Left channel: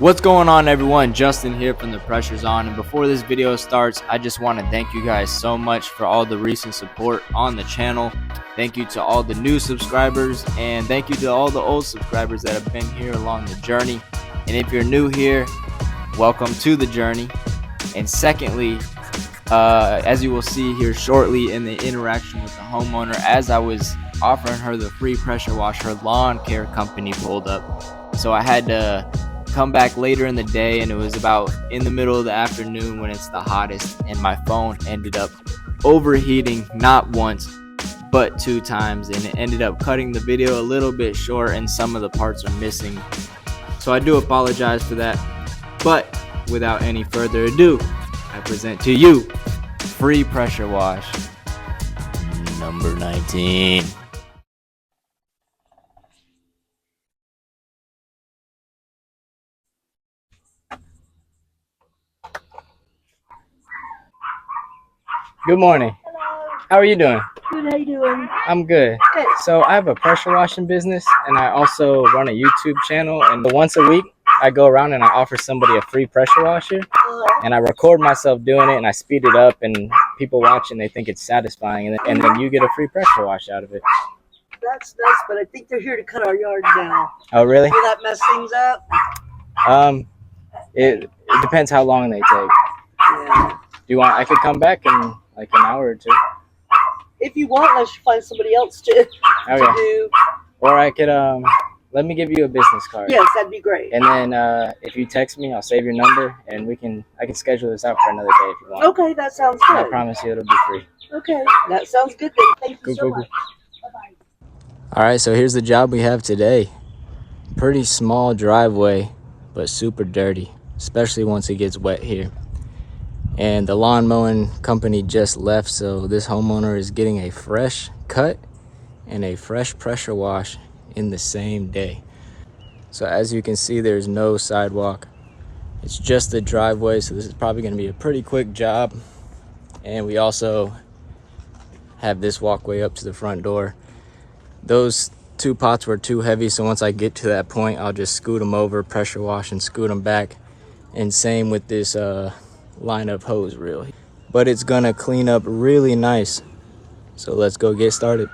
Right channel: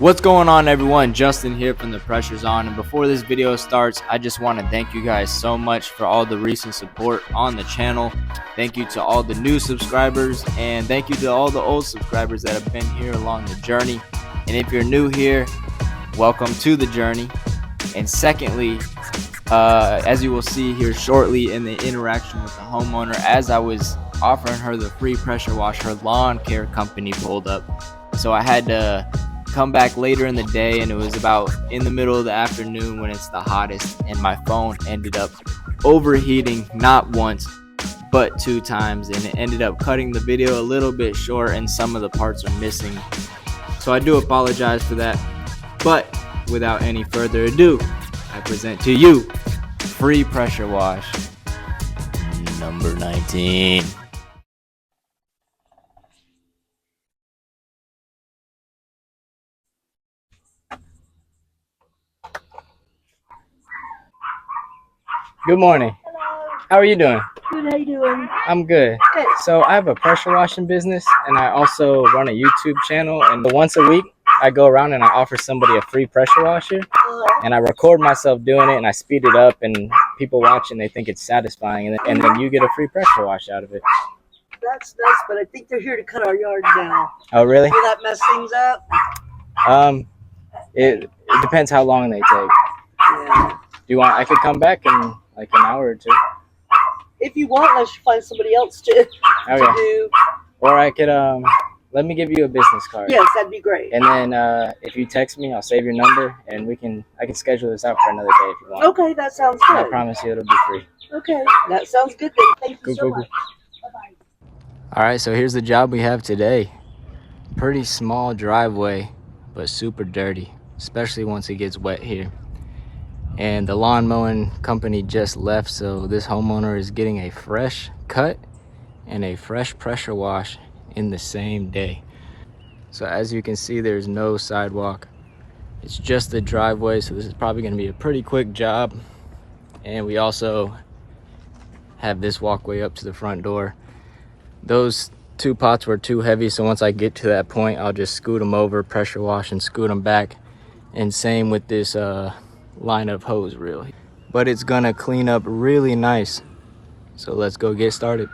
What's going on, everyone? Justin here from The Pressure's On, and before this video starts, I just want to thank you guys so much for all the recent support on the channel. Thank you to all the new subscribers, and thank you to all the old subscribers that have been here along the journey. And if you're new here, welcome to the journey. And secondly, as you will see here shortly in the interaction with the homeowner, as I was offering her the free pressure wash, her lawn care company pulled up, so I had to come back later in the day, and it was about in the middle of the afternoon when it's the hottest, and my phone ended up overheating not once but 2 times, and it ended up cutting the video a little bit short, and some of the parts are missing, so I do apologize for that. But without any further ado, I present to you free pressure wash number 19. Good morning. Hello. How are you doing? Good, how you doing? I'm good. Good. So I have a pressure washing business, and I also run a YouTube channel, and once a week I go around and I offer somebody a free pressure washer, and I record myself doing it, and I speed it up, and people watch and they think it's satisfying, and then you get a free pressure wash out of it. That's nice, but I think they're here to cut our yard now. Oh, really? Will that mess things up? It depends how long they take. Yeah. Do you want? I could come back in like an hour or two. If you want, unless you find somebody else to do. Or I could let me give you a business card. Yes, that'd be great. And then if you text me, I'll save your number, and I can schedule this out for another day if you want. Okay, that sounds good. I promise you it'll be free. Okay, that sounds good then. Thank you so much. Bye-bye. All right, so here's the job we have today. Pretty small driveway, but super dirty, especially once it gets wet here. And the lawn mowing company just left, so this homeowner is getting a fresh cut and a fresh pressure wash in the same day. So as you can see, there's no sidewalk. It's just the driveway, so this is probably going to be a pretty quick job. And we also have this walkway up to the front door. Those 2 pots were too heavy, so once I get to that point, I'll just scoot them over, pressure wash, and scoot them back. And same with this line of hose reel. But it's gonna clean up really nice. So let's go get started.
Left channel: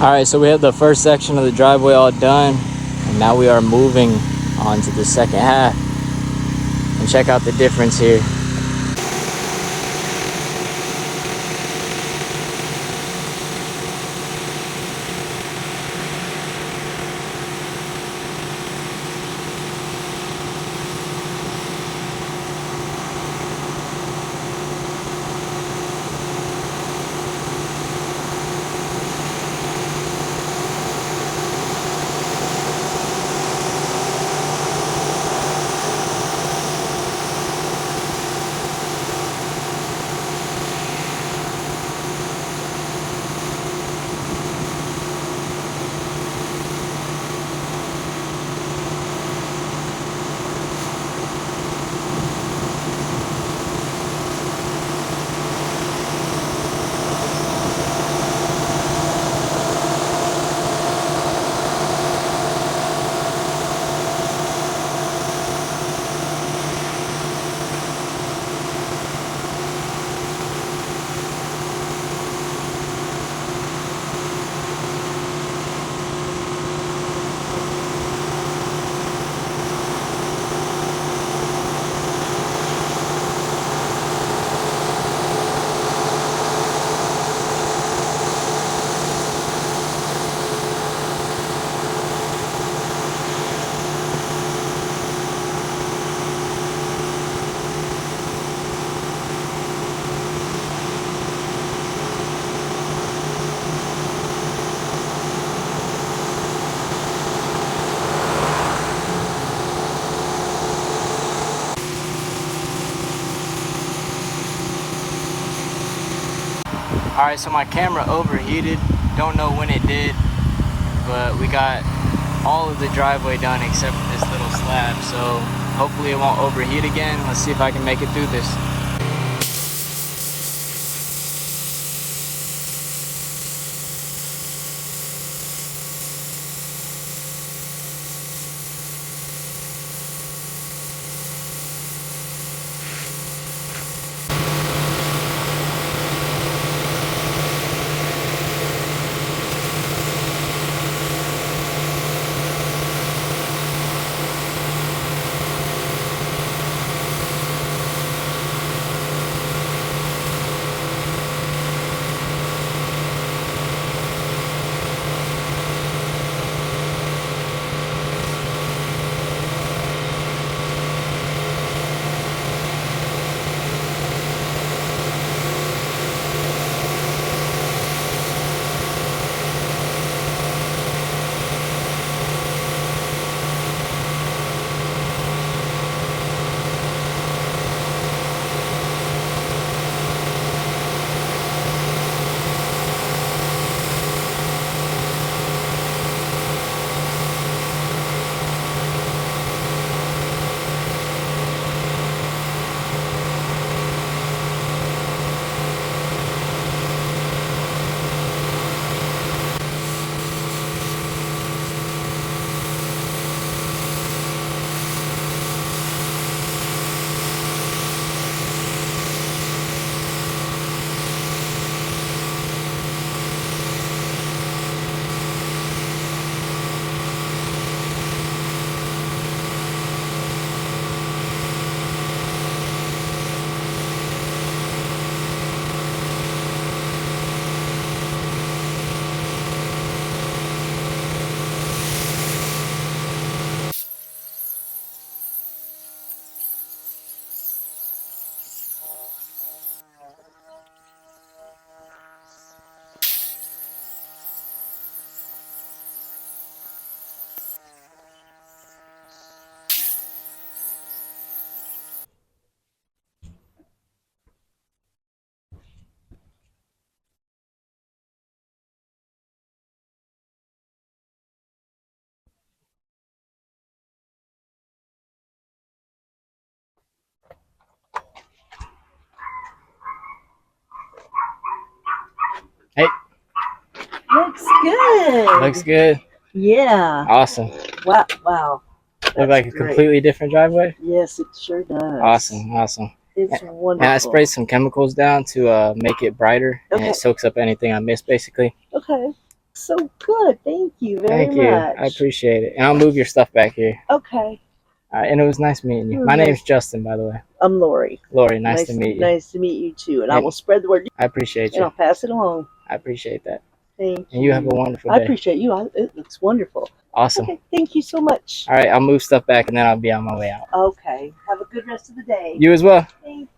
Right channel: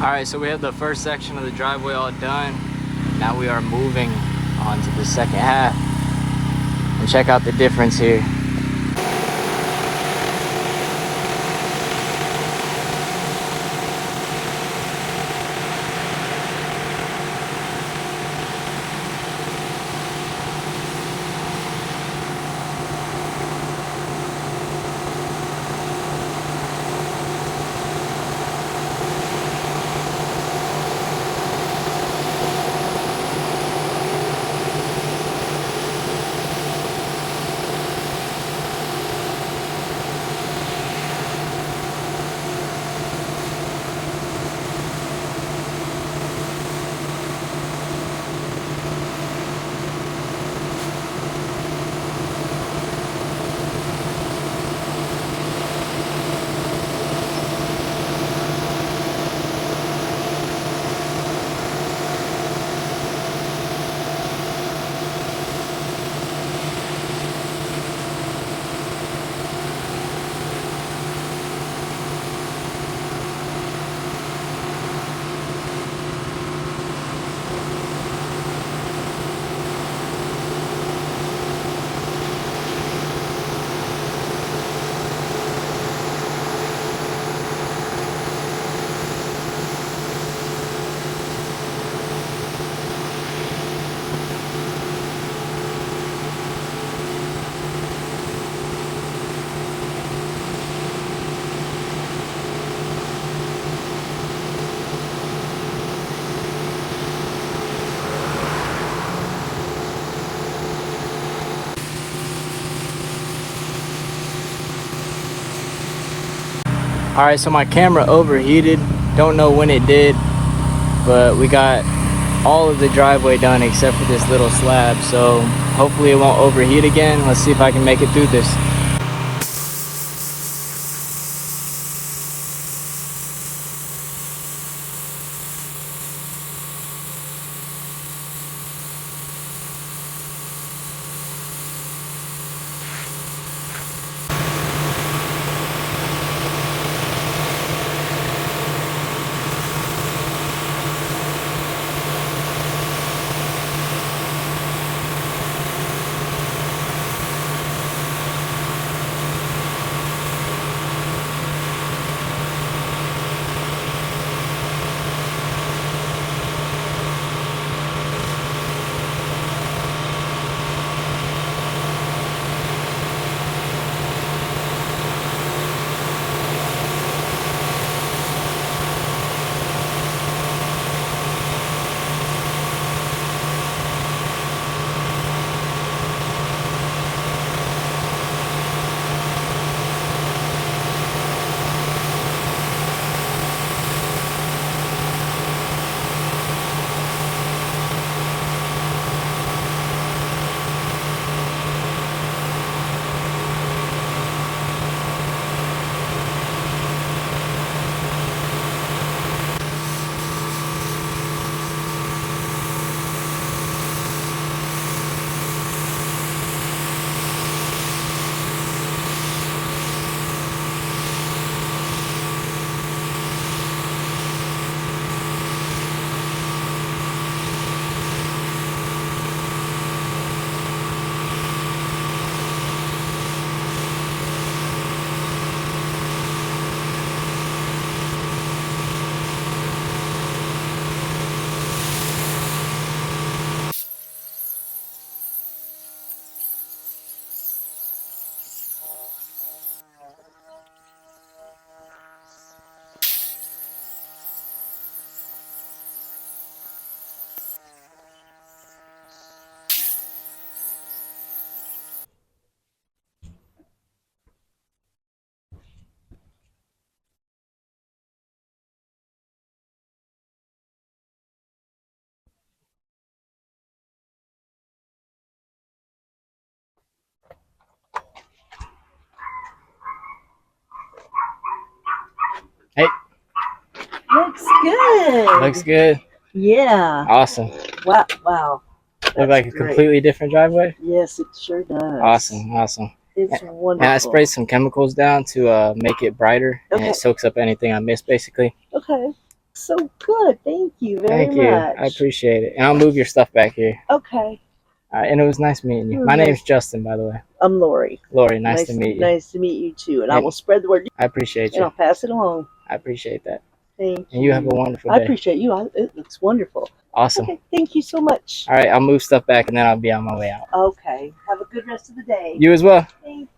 All right, so we have the first section of the driveway all done, and now we are moving on to the second half. And check out the difference here. All right, so my camera overheated. Don't know when it did, but we got all of the driveway done except for this little slab. So hopefully it won't overheat again. Let's see if I can make it through this. Hey, Looks good. looks good. Yeah. Awesome. Wow. Wow. Look like a great. completely different driveway. Yes, it sure does. Awesome, awesome. It's wonderful. And I sprayed some chemicals down to make it brighter, and Okay. it soaks up anything I missed, basically. Okay. so good. Thank you very Thank you. much. I appreciate it. And I'll move your stuff back here. Okay. All right, and it was nice meeting you. My name's Justin, by the way. I'm Lori. Lori, nice to meet you. Nice to meet you too. And I will spread the word. I appreciate you. And I'll pass it along. I appreciate that. Thank you. And you have a wonderful day. I appreciate you. It looks wonderful. Awesome. Okay, thank you so much. All right, I'll move stuff back and then I'll be on my way out. Okay. Have a good rest of the day. You as well. Thank you.